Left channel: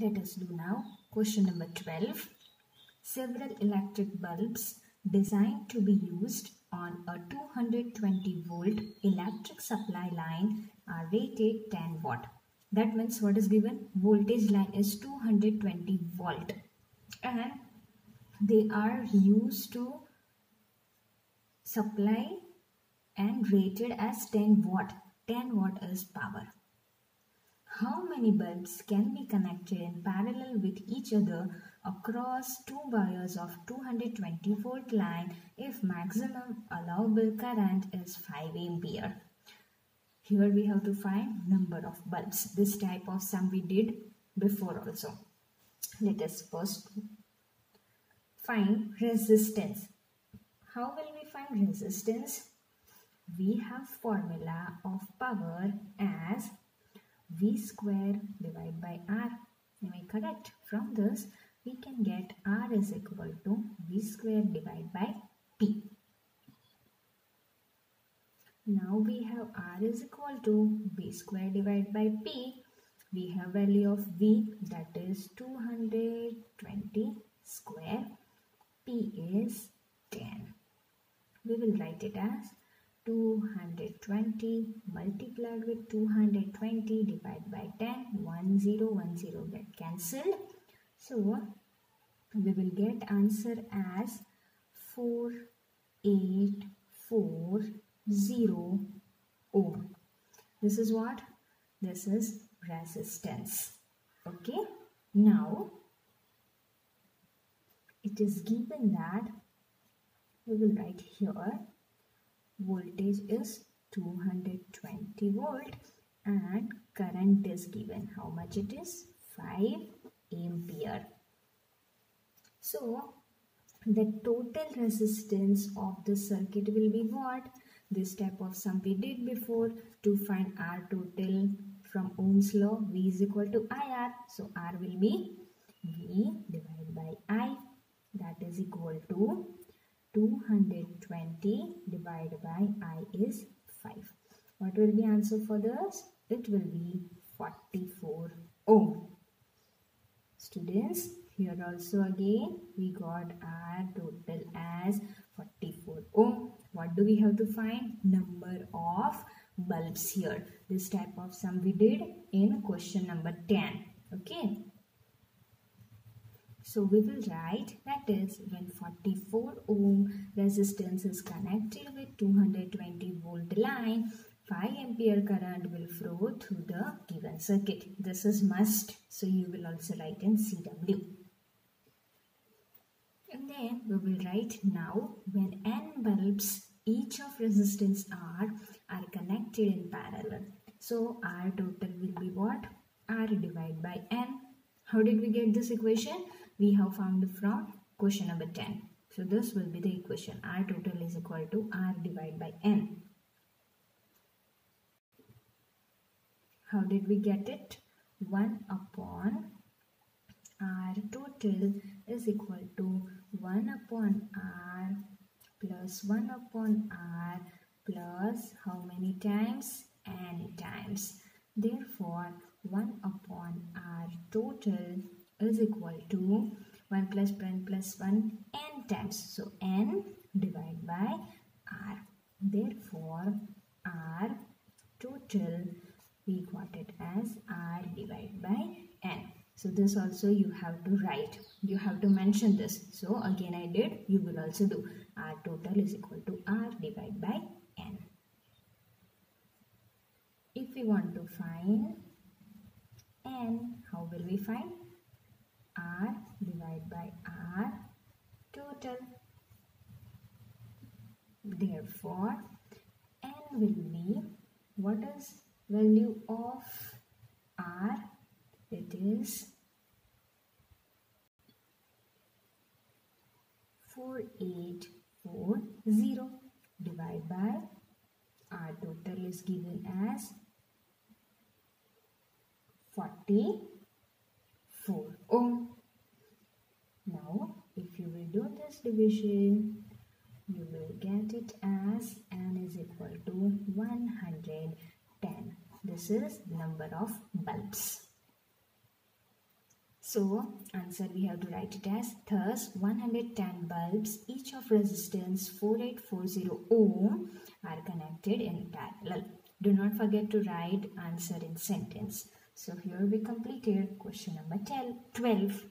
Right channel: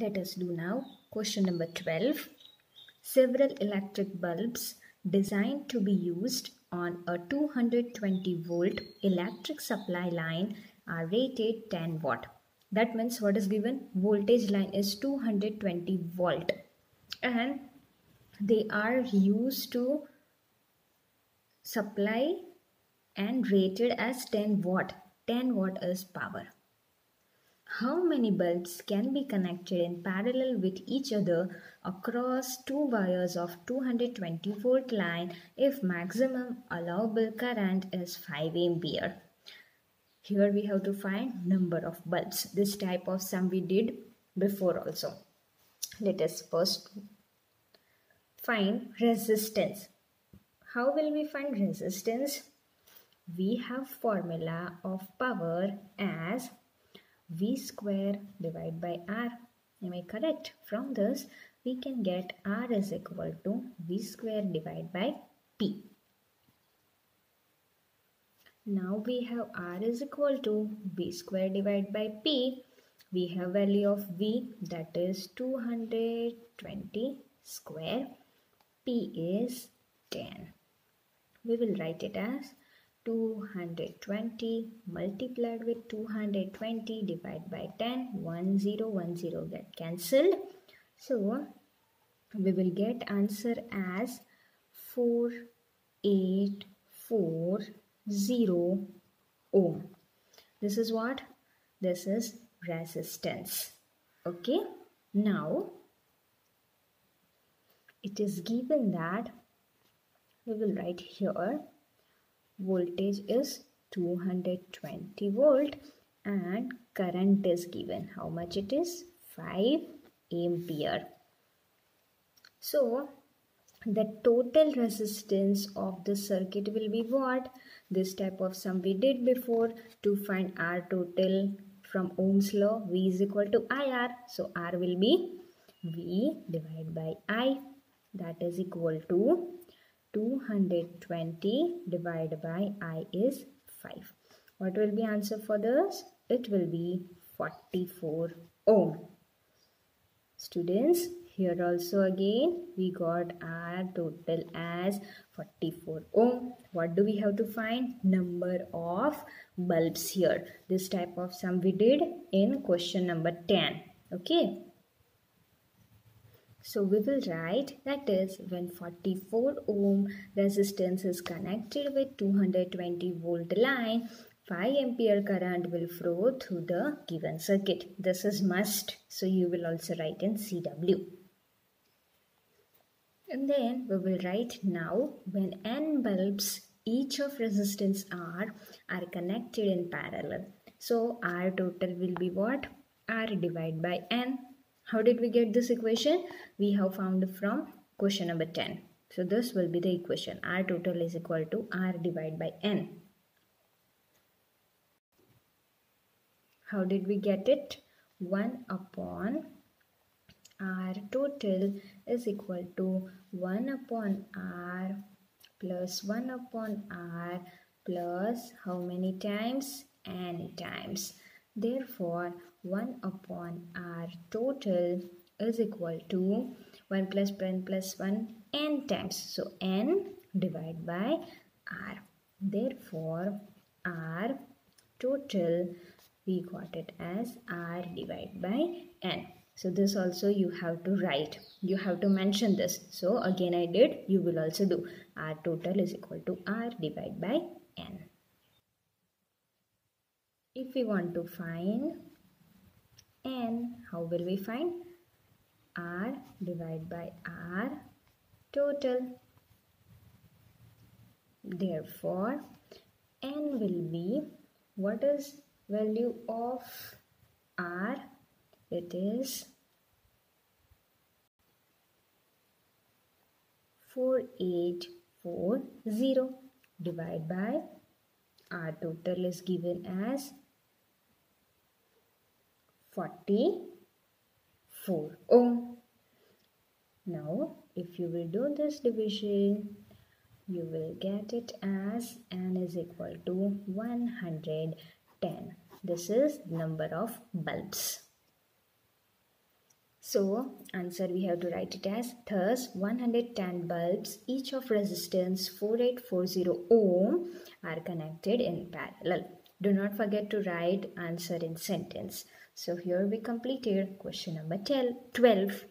Let us do now question number 12. Several electric bulbs designed to be used on a 220 volt electric supply line are rated 10 watt. That means what is given? Voltage line is 220 volt and they are used to supply and rated as 10 watt. 10 watt is power. How many bulbs can be connected in parallel with each other across two wires of 220 volt line if maximum allowable current is 5 ampere? Here we have to find number of bulbs. This type of sum we did before also. Let us first find resistance. How will we find resistance? We have formula of power as V square divided by R. Am I correct? From this, we can get R is equal to V square divided by P. Now we have R is equal to V square divided by P. We have value of V, that is 220 square. P is 10. We will write it as 220 multiplied with 220 divided by 10. 1 0 1 0 get cancelled. So we will get answer as 4840 ohm. This is what? This is resistance. Okay. Now it is given that we will write here voltage is 220 volt and current is given. How much it is? 5 ampere. So the total resistance of the circuit will be what? This type of sum we did before. To find R total from Ohm's law, V is equal to IR. So R will be V divided by I, that is equal to 220 divided by I is 5. What will be answer for this? It will be 44 ohm. Students, here also again we got R total as 44 ohm. What do we have to find? Number of bulbs here. This type of sum we did in question number 10. Okay. So we will write, that is when 44 ohm resistance is connected with 220 volt line, 5 ampere current will flow through the given circuit. This is must. So you will also write in CW. And then we will write now when n bulbs each of resistance R are connected in parallel. So R total will be what? R divided by n. How did we get this equation? We have found from question number 10. So this will be the equation. R total is equal to R divided by n. How did we get it? 1 upon R total is equal to 1 upon R plus 1 upon R plus how many times? N times. Therefore, 1 upon R total is equal to 1 plus 1 plus 1 n times. So, n divided by R. Therefore, R total we got it as R divided by n. So, this also you have to write. You have to mention this. So, again I did. You will also do. R total is equal to R divided by n. If we want to find n, how will we find? R divided by R total. Therefore, n will be, what is value of R? It is 4840 divided by R total is given as 44 ohm. Now, if you will do this division, you will get it as n is equal to 110. This is number of bulbs. So answer we have to write it as, thus 110 bulbs each of resistance 4840 ohm are connected in parallel. Do not forget to write answer in sentence. So here we completed question number 12.